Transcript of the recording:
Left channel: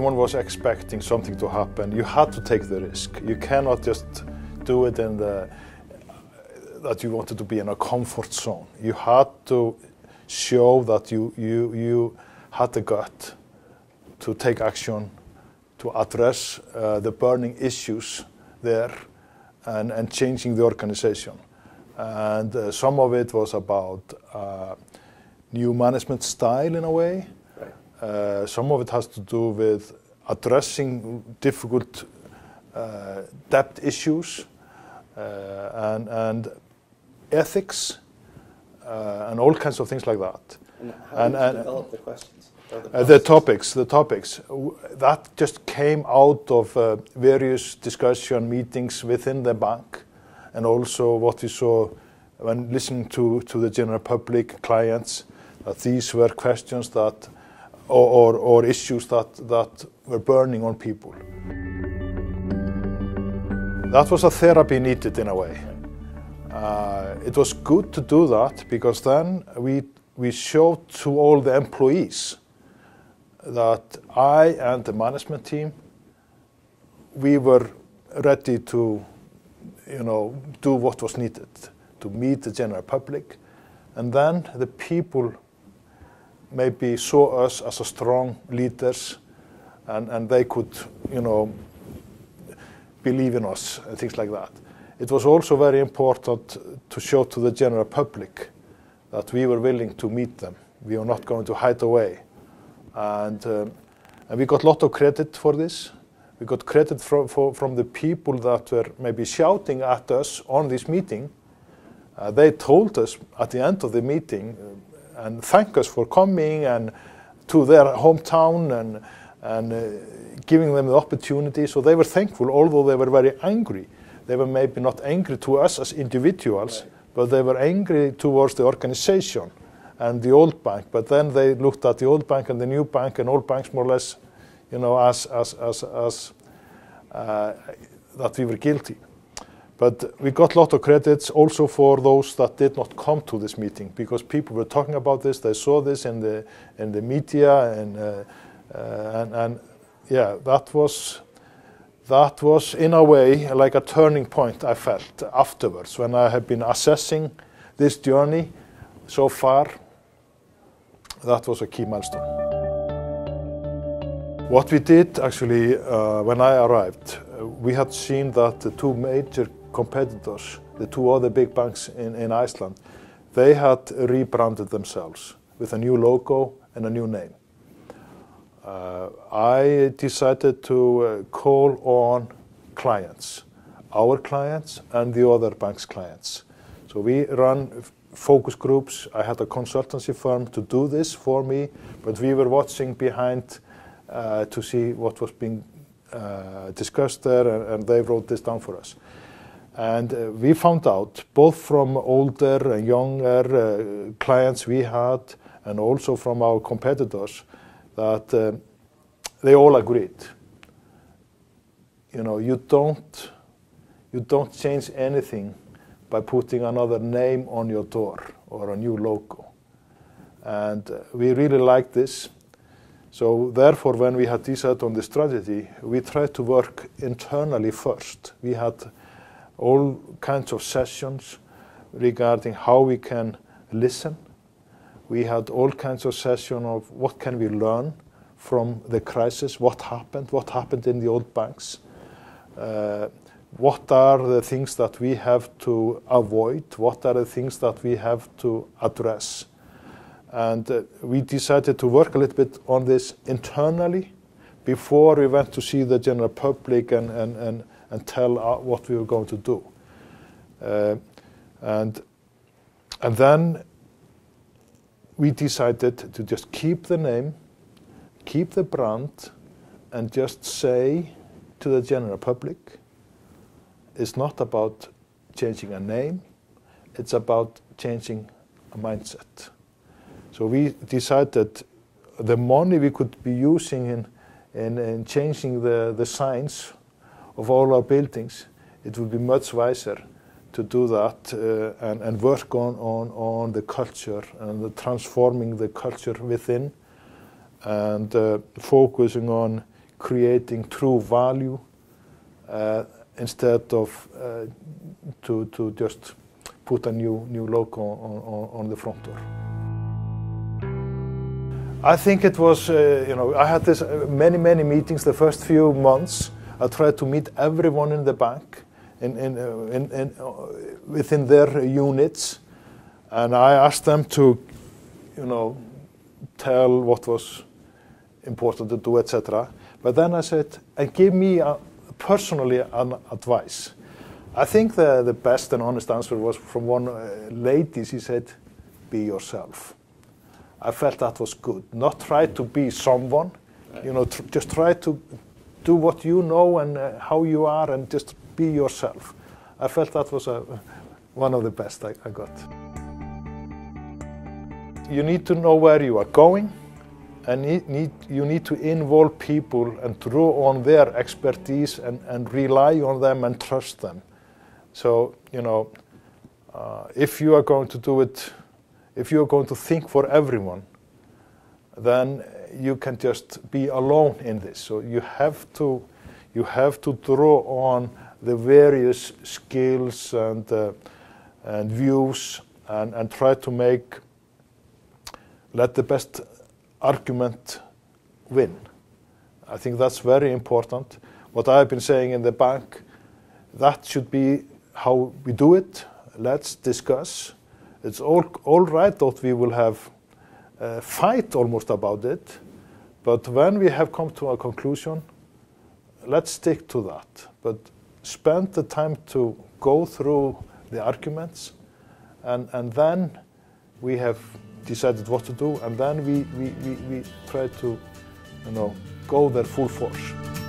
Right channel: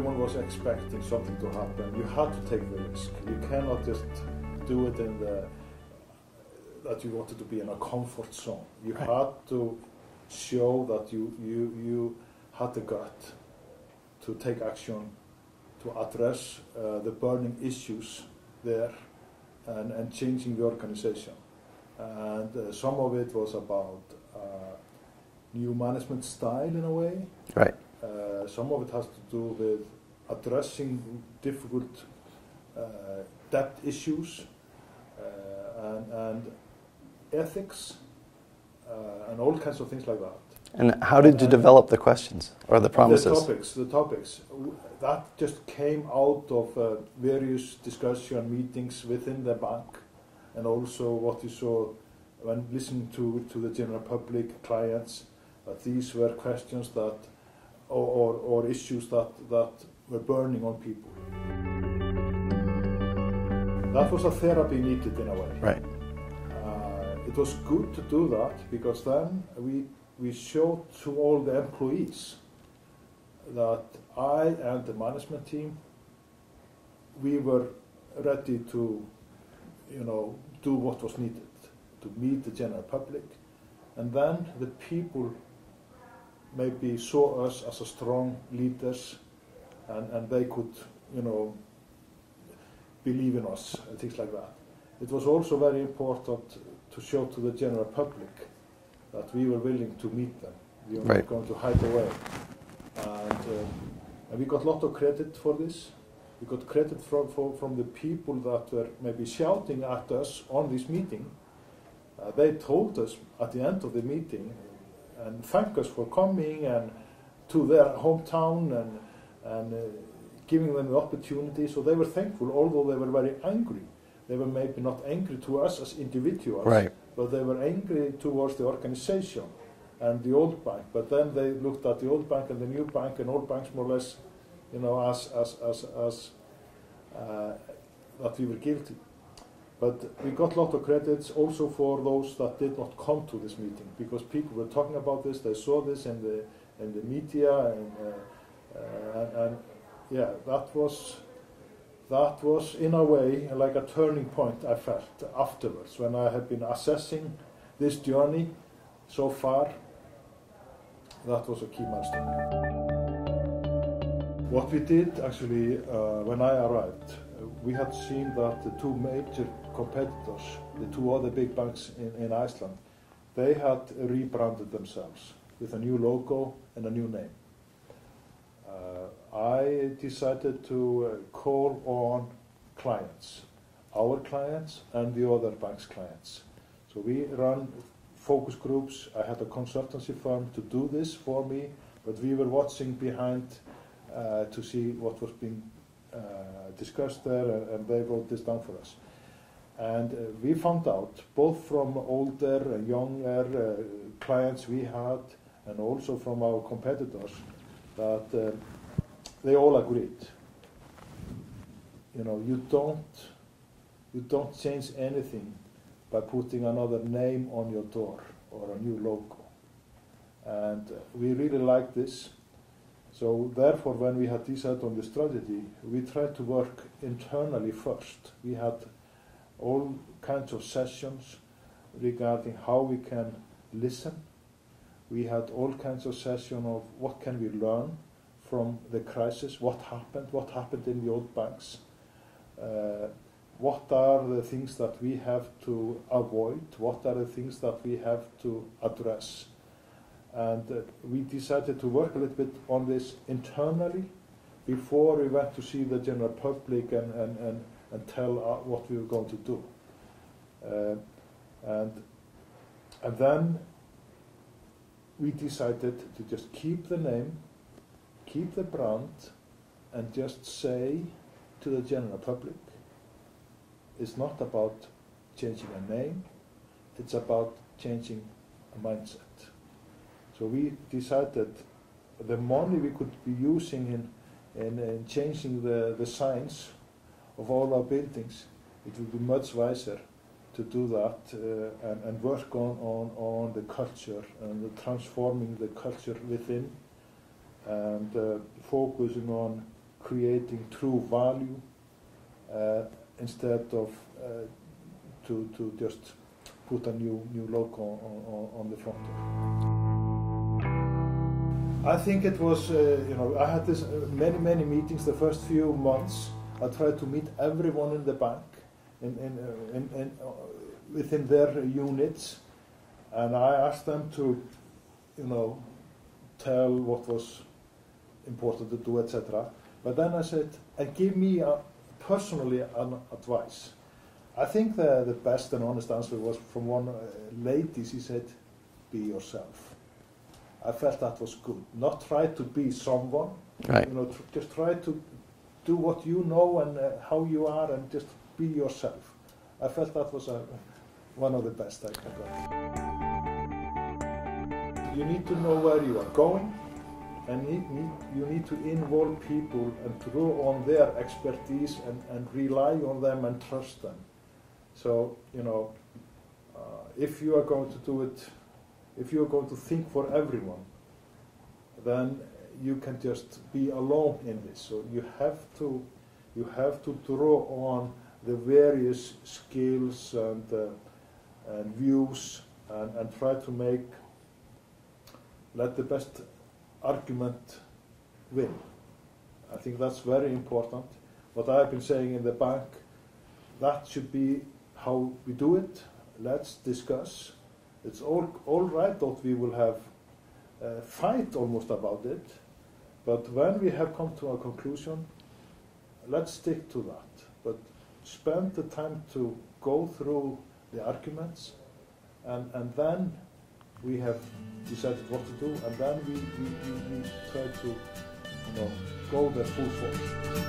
everyone was expecting something to happen. You had to take the risk. You cannot just do it in that you wanted to be in a comfort zone. You had to show that you had the gut to take action, to address the burning issues there and changing the organization. And some of it was about new management style in a way. Right. Some of it has to do with addressing difficult debt issues and ethics and all kinds of things like that. And how did you develop the questions or the promises? The topics. That just came out of various discussion meetings within the bank, and also what we saw when listening to the general public, clients, that these were questions that or issues that were burning on people. That was a therapy needed in a way. Right. It was good to do that because then we showed to all the employees that I and the management team, we were ready to, do what was needed to meet the general public, and then the people maybe saw us as a strong leaders, and they could, believe in us and things like that. It was also very important to show to the general public that we were willing to meet them. We were not going to hide away. And we got a lot of credit for this. We got credit from the people that were maybe shouting at us on this meeting. They told us at the end of the meeting and thank us for coming and to their hometown and giving them the opportunity. So they were thankful, although they were very angry. They were maybe not angry to us as individuals, but they were angry towards the organization and the old bank. But then they looked at the old bank and the new bank and all banks more or less, as that we were guilty. But we got a lot of credits also for those that did not come to this meeting, because people were talking about this. They saw this in the media, and yeah, that was in a way like a turning point I felt afterwards when I had been assessing this journey so far. That was a key milestone. What we did actually when I arrived, we had seen that the two major competitors, the two other big banks in Iceland, they had rebranded themselves with a new logo and a new name. I decided to call on clients, our clients and the other bank's clients. So we ran focus groups. I had a consultancy firm to do this for me, but we were watching behind to see what was being discussed there, and they wrote this down for us. And we found out, both from older and younger clients we had, and also from our competitors, that they all agreed. You don't change anything by putting another name on your door or a new logo. And we really liked this. So therefore, when we had decided on the strategy, we tried to work internally first. We had all kinds of sessions regarding how we can listen. We had all kinds of sessions of what can we learn from the crisis, what happened in the old banks, what are the things that we have to avoid, what are the things that we have to address. And we decided to work a little bit on this internally before we went to see the general public and tell what we were going to do. And then we decided to just keep the name, keep the brand, and just say to the general public, it's not about changing a name, it's about changing a mindset. So we decided the money we could be using in changing the signs of all our buildings, it would be much wiser to do that and work on the culture and transforming the culture within, and focusing on creating true value instead of to just put a new logo on the front door. I think it was, I had this many meetings the first few months. I tried to meet everyone in the bank within their units, and I asked them to, tell what was important to do, etc. But then I said, and give me personally an advice. I think the best and honest answer was from one lady. She said, be yourself. I felt that was good. Not try to be someone, right. Just try to do what you know and how you are, and just be yourself. I felt that was one of the best I got. You need to know where you are going, and you need to involve people and draw on their expertise and rely on them and trust them. So, if you are going to do it, if you are going to think for everyone, then you can just be alone in this. So you have to draw on the various skills and views and try to let the best argument win. I think that's very important. What I've been saying in the bank, that should be how we do it. Let's discuss. It's all right that we will have a fight almost about it, but when we have come to a conclusion, let's stick to that. But spend the time to go through the arguments, and then we have decided what to do, and then we try to go there full force.